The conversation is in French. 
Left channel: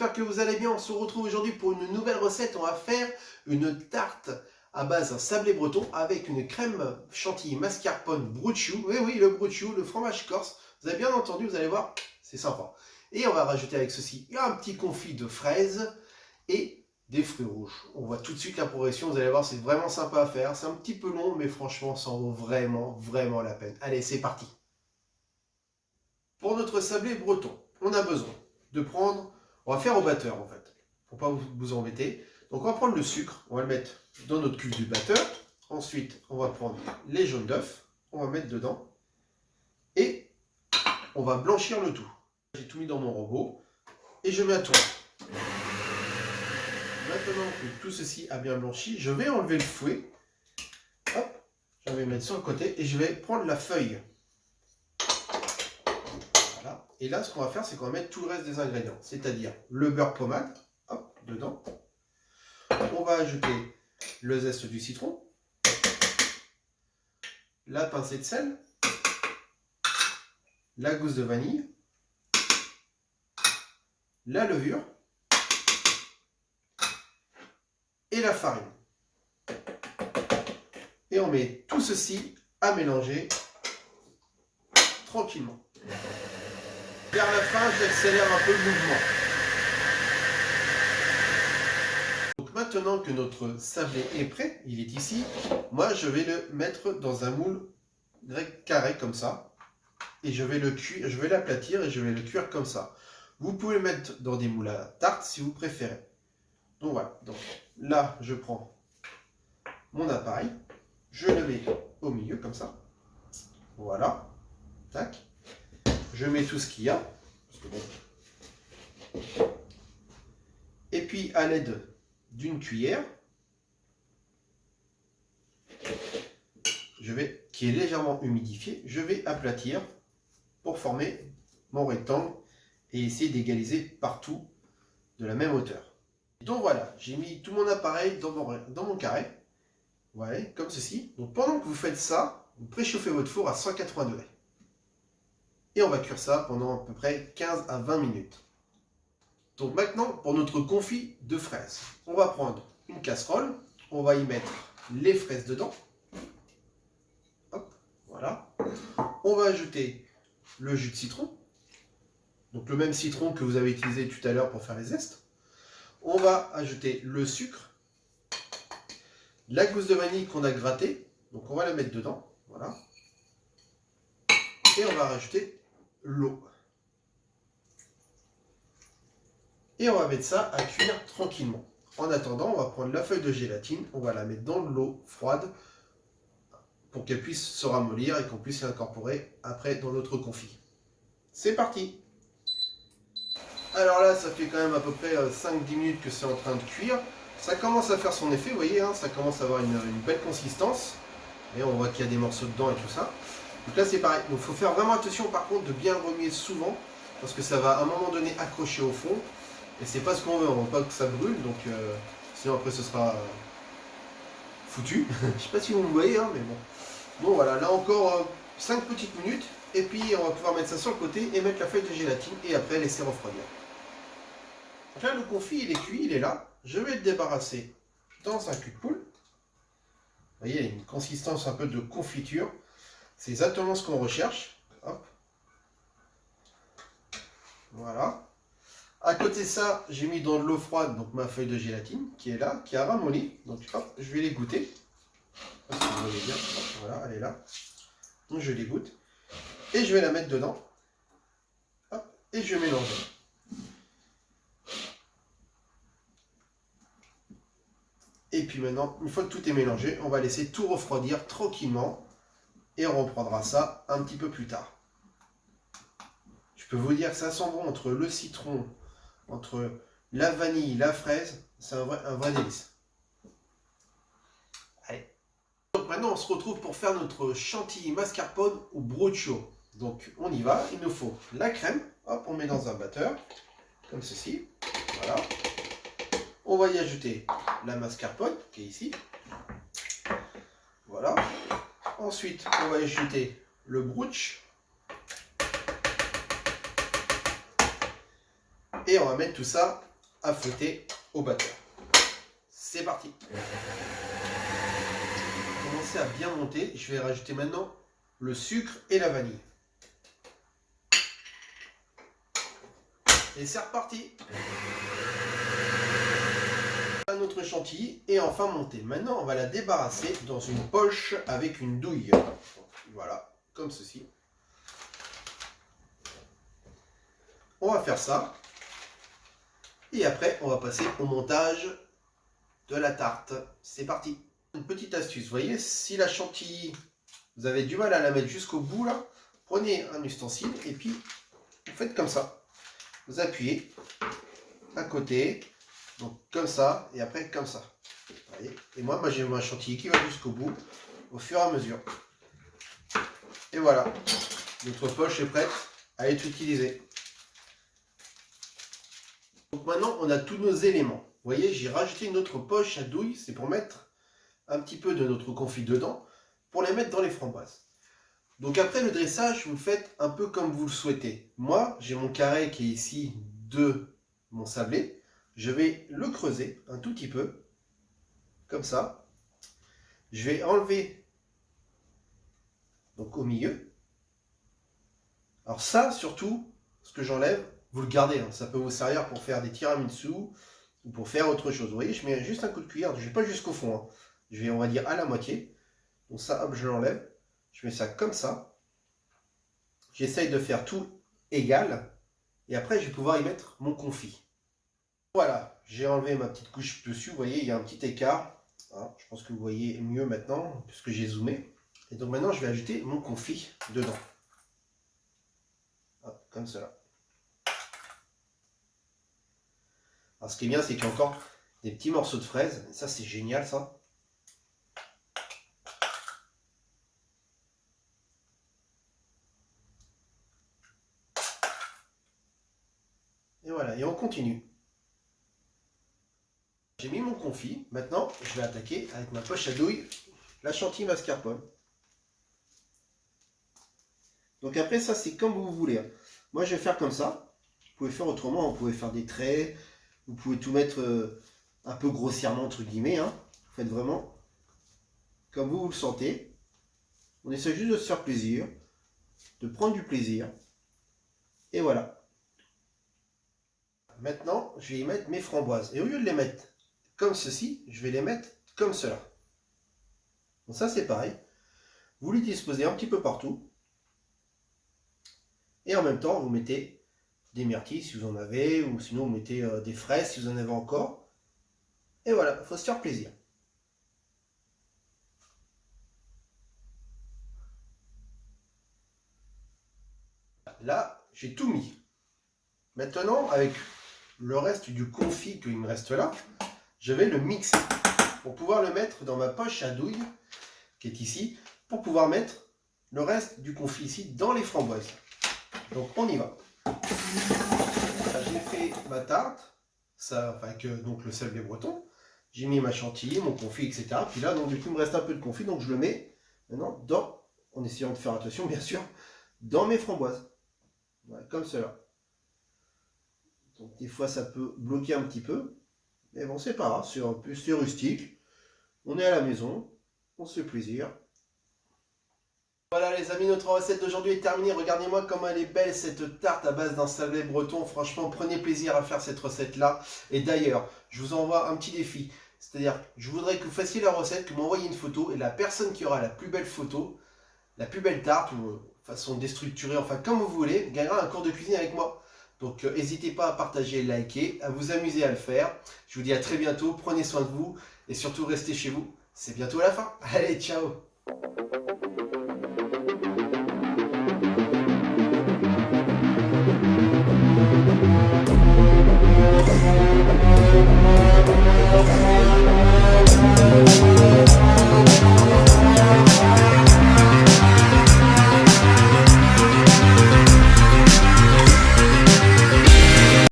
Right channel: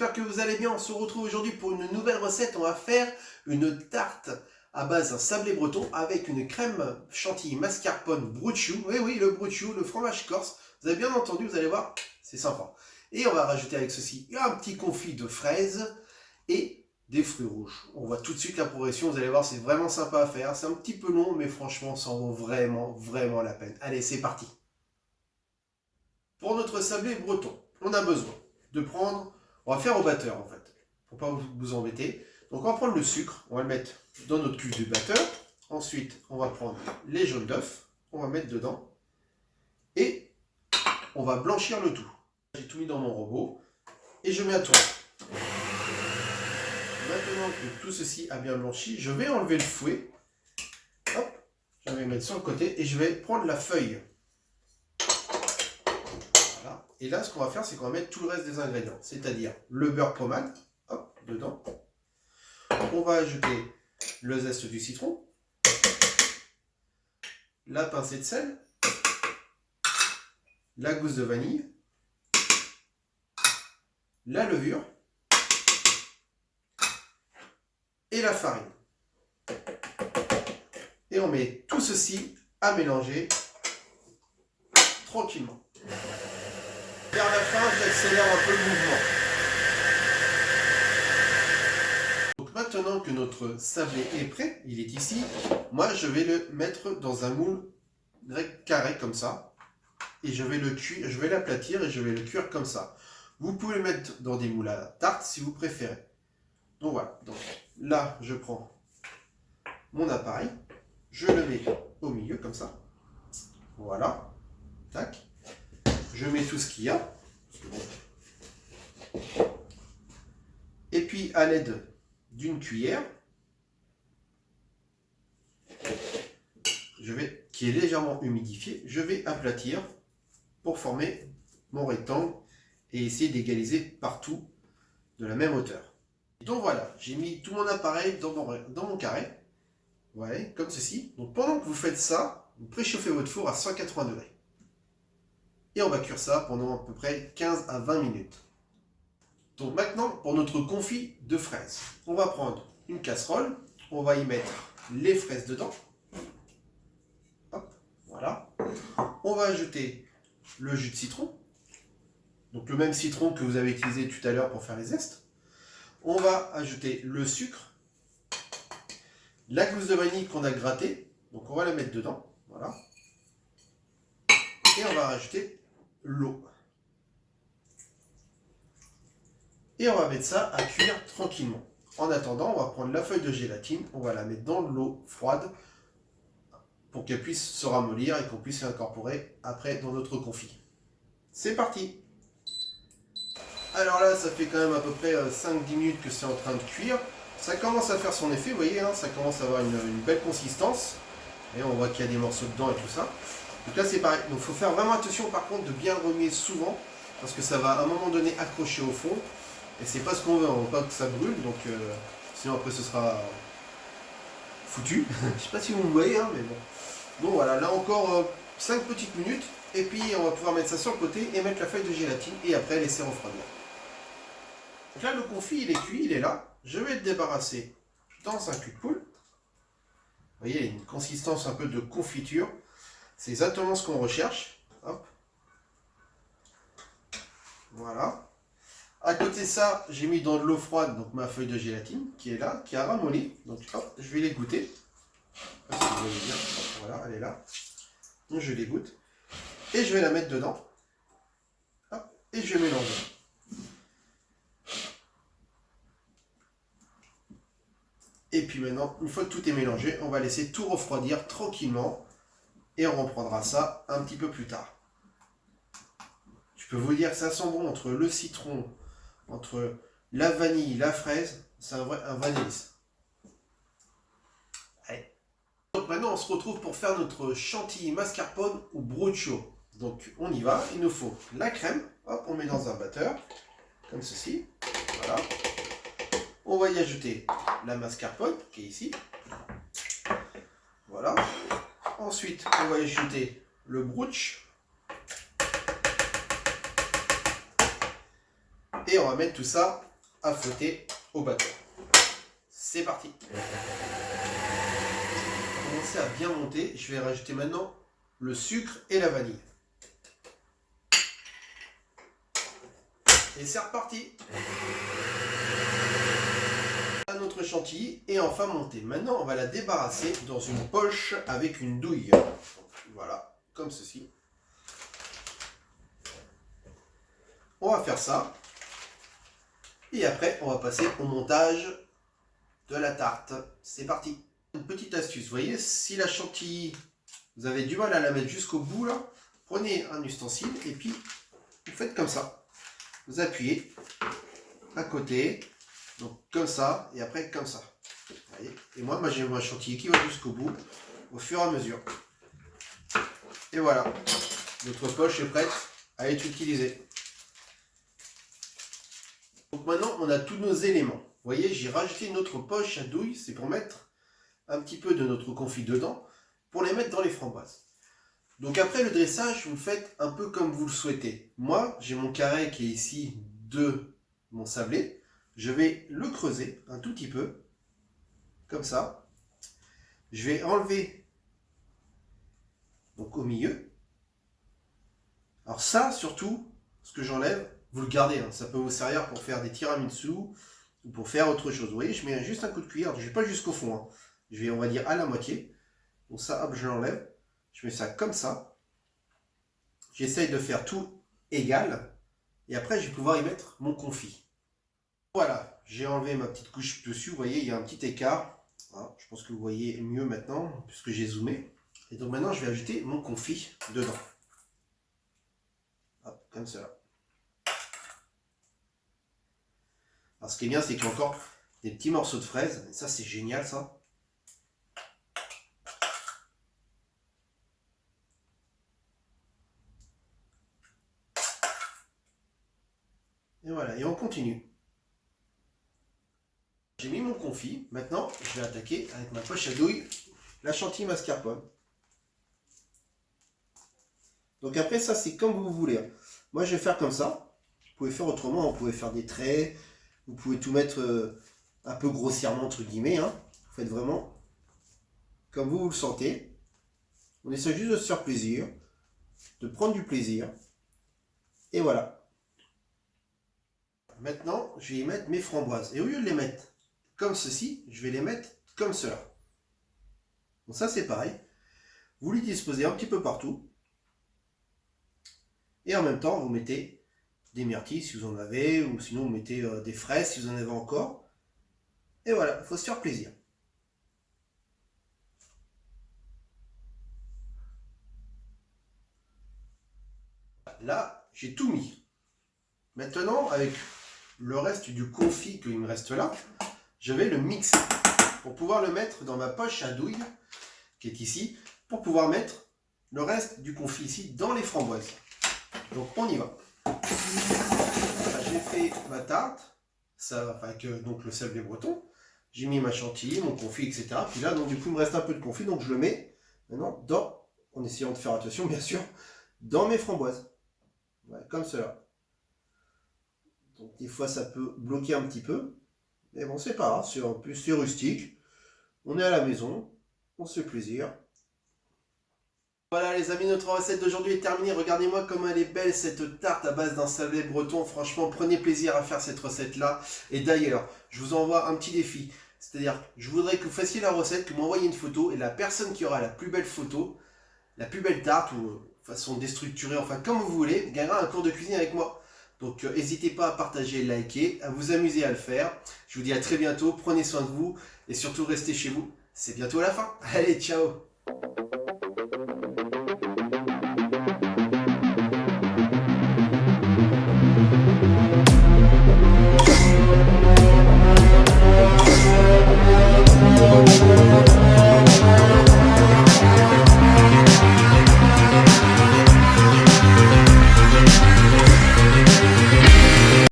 j'espère que vous allez bien. On se retrouve aujourd'hui pour une nouvelle recette. On va faire une tarte à base d'un sablé breton avec une crème chantilly mascarpone brut de chou. Oui, oui, le brut de chou, le fromage corse. Vous avez bien entendu, vous allez voir, c'est sympa. Et on va rajouter avec ceci un petit confit de fraises et des fruits rouges. On voit tout de suite la progression, vous allez voir, c'est vraiment sympa à faire. C'est un petit peu long, mais franchement, ça en vaut vraiment, vraiment la peine. Allez, c'est parti. Pour notre sablé breton, on a besoin de prendre, on va faire au batteur en fait, pour pas vous embêter. Donc on va prendre le sucre, on va le mettre dans notre cuve du batteur. Ensuite, on va prendre les jaunes d'œufs, on va mettre dedans et on va blanchir le tout. J'ai tout mis dans mon robot et je mets à tourner. Maintenant que tout ceci a bien blanchi, je vais enlever le fouet. Hop, je vais mettre sur le côté et je vais prendre la feuille. Voilà. Et là, ce qu'on va faire, c'est qu'on va mettre tout le reste des ingrédients, c'est-à-dire le beurre pommade, hop, dedans. On va ajouter le zeste du citron, la pincée de sel, la gousse de vanille, la levure et la farine. Et on met tout ceci à mélanger tranquillement. Vers la fin, j'accélère un peu le mouvement. Donc maintenant que notre sablé est prêt, il est ici, moi je vais le mettre dans un moule carré comme ça. Et je vais le cuire, je vais l'aplatir et je vais le cuire comme ça. Vous pouvez le mettre dans des moules à tarte si vous préférez. Donc voilà, donc là je prends mon appareil, je le mets au milieu comme ça. Voilà, tac. Je mets tout ce qu'il y a. Et puis à l'aide d'une cuillère, qui est légèrement humidifiée, je vais aplatir pour former mon rectangle et essayer d'égaliser partout de la même hauteur. Donc voilà, j'ai mis tout mon appareil dans mon carré, voilà, comme ceci. Donc pendant que vous faites ça, vous préchauffez votre four à 180 degrés. Et on va cuire ça pendant à peu près 15 à 20 minutes. Donc maintenant, pour notre confit de fraises, on va prendre une casserole, on va y mettre les fraises dedans. Hop, voilà. On va ajouter le jus de citron, donc le même citron que vous avez utilisé tout à l'heure pour faire les zestes. On va ajouter le sucre, la gousse de vanille qu'on a grattée, donc on va la mettre dedans, voilà. Et on va rajouter l'eau. Et on va mettre ça à cuire tranquillement. En attendant, on va prendre la feuille de gélatine, on va la mettre dans l'eau froide pour qu'elle puisse se ramollir et qu'on puisse l'incorporer après dans notre confit. C'est parti! Alors là, ça fait quand même à peu près 5-10 minutes que c'est en train de cuire. Ça commence à faire son effet, vous voyez, hein, ça commence à avoir une belle consistance. Et on voit qu'il y a des morceaux dedans et tout ça. Donc là, c'est pareil. Donc il faut faire vraiment attention par contre de bien le remuer souvent, parce que ça va à un moment donné accrocher au fond. Et c'est pas ce qu'on veut, on veut pas que ça brûle, donc sinon après ce sera foutu. Je sais pas si vous me voyez, hein, mais bon. Bon voilà, là encore 5 petites minutes, et puis on va pouvoir mettre ça sur le côté et mettre la feuille de gélatine, et après laisser refroidir. Donc là, le confit, il est cuit, il est là. Je vais le débarrasser dans un cul de poule. Vous voyez, il y a une consistance un peu de confiture. C'est exactement ce qu'on recherche. Hop. Voilà. À côté de ça, j'ai mis dans de l'eau froide donc ma feuille de gélatine qui est là, qui a ramolli. Donc hop, je vais les goûter. Je sais pas si vous voyez bien. Hop, voilà, elle est là. Donc je les goûte. Et je vais la mettre dedans. Hop, et je mélange. Et puis maintenant, une fois que tout est mélangé, on va laisser tout refroidir tranquillement. Et on reprendra ça un petit peu plus tard. Je peux vous dire que ça sent bon entre le citron, entre la vanille, la fraise. C'est un vrai délice. Allez. Donc maintenant, on se retrouve pour faire notre chantilly mascarpone au broccio. Donc on y va. Il nous faut la crème. Hop, on met dans un batteur. Comme ceci. Voilà. On va y ajouter la mascarpone qui est ici. Voilà. Ensuite, on va ajouter le brooch. Et on va mettre tout ça à fouetter au batteur. C'est parti. Commencer à bien monter. Je vais rajouter maintenant le sucre et la vanille. Et c'est reparti. Notre chantilly est enfin montée. Maintenant, on va la débarrasser dans une poche avec une douille. Voilà, comme ceci. On va faire ça. Et après, on va passer au montage de la tarte. C'est parti. Une petite astuce, vous voyez, si la chantilly, vous avez du mal à la mettre jusqu'au bout, là, prenez un ustensile et puis vous faites comme ça. Vous appuyez à côté. Donc comme ça, et après comme ça. Voyez, et moi j'ai ma chantilly qui va jusqu'au bout, au fur et à mesure. Et voilà, notre poche est prête à être utilisée. Donc maintenant, on a tous nos éléments. Vous voyez, j'ai rajouté une autre poche à douille, c'est pour mettre un petit peu de notre confit dedans, pour les mettre dans les framboises. Donc après le dressage, vous le faites un peu comme vous le souhaitez. Moi, j'ai mon carré qui est ici de mon sablé. Je vais le creuser un tout petit peu, comme ça. Je vais enlever donc au milieu. Alors ça, surtout, ce que j'enlève, vous le gardez. Hein. Ça peut vous servir pour faire des tiramisu ou pour faire autre chose. Vous voyez, je mets juste un coup de cuillère. Je ne vais pas jusqu'au fond. Hein. Je vais, on va dire, à la moitié. Donc ça, hop, je l'enlève. Je mets ça comme ça. J'essaye de faire tout égal. Et après, je vais pouvoir y mettre mon confit. Voilà, j'ai enlevé ma petite couche dessus, vous voyez, il y a un petit écart. Voilà, je pense que vous voyez mieux maintenant, puisque j'ai zoomé. Et donc maintenant, je vais ajouter mon confit dedans. Hop, comme cela. Alors ce qui est bien, c'est qu'il y a encore des petits morceaux de fraises. Et ça, c'est génial, ça. Et voilà, et on continue. J'ai mis mon confit. Maintenant, je vais attaquer avec ma poche à douille la chantilly mascarpone. Donc après, ça, c'est comme vous voulez. Moi, je vais faire comme ça. Vous pouvez faire autrement. Vous pouvez faire des traits. Vous pouvez tout mettre un peu grossièrement, entre guillemets. Hein. Vous faites vraiment comme vous le sentez. On essaie juste de se faire plaisir, de prendre du plaisir. Et voilà. Maintenant, je vais y mettre mes framboises. Et au lieu de les mettre comme ceci, je vais les mettre comme cela. Donc ça, c'est pareil. Vous les disposez un petit peu partout. Et en même temps, vous mettez des myrtilles si vous en avez, ou sinon vous mettez des fraises si vous en avez encore. Et voilà, il faut se faire plaisir. Là, j'ai tout mis. Maintenant, avec le reste du confit qu'il me reste là, je vais le mixer pour pouvoir le mettre dans ma poche à douille qui est ici, pour pouvoir mettre le reste du confit ici dans les framboises. Donc on y va. J'ai fait ma tarte, ça, avec donc le sablé breton. J'ai mis ma chantilly, mon confit, etc. Puis là, donc du coup, il me reste un peu de confit, donc je le mets maintenant dans, en essayant de faire attention, bien sûr, dans mes framboises. Ouais, comme cela. Donc des fois, ça peut bloquer un petit peu. Mais bon, c'est pas grave, c'est rustique. On est à la maison, on se fait plaisir. Voilà les amis, notre recette d'aujourd'hui est terminée. Regardez-moi comme elle est belle cette tarte à base d'un sablé breton. Franchement, prenez plaisir à faire cette recette-là. Et d'ailleurs, je vous envoie un petit défi. C'est-à-dire, je voudrais que vous fassiez la recette, que vous m'envoyiez une photo. Et la personne qui aura la plus belle photo, la plus belle tarte, ou façon déstructurée, enfin comme vous voulez, gagnera un cours de cuisine avec moi. Donc n'hésitez pas à partager et liker, à vous amuser à le faire. Je vous dis à très bientôt, prenez soin de vous et surtout restez chez vous. C'est bientôt la fin. Allez, ciao!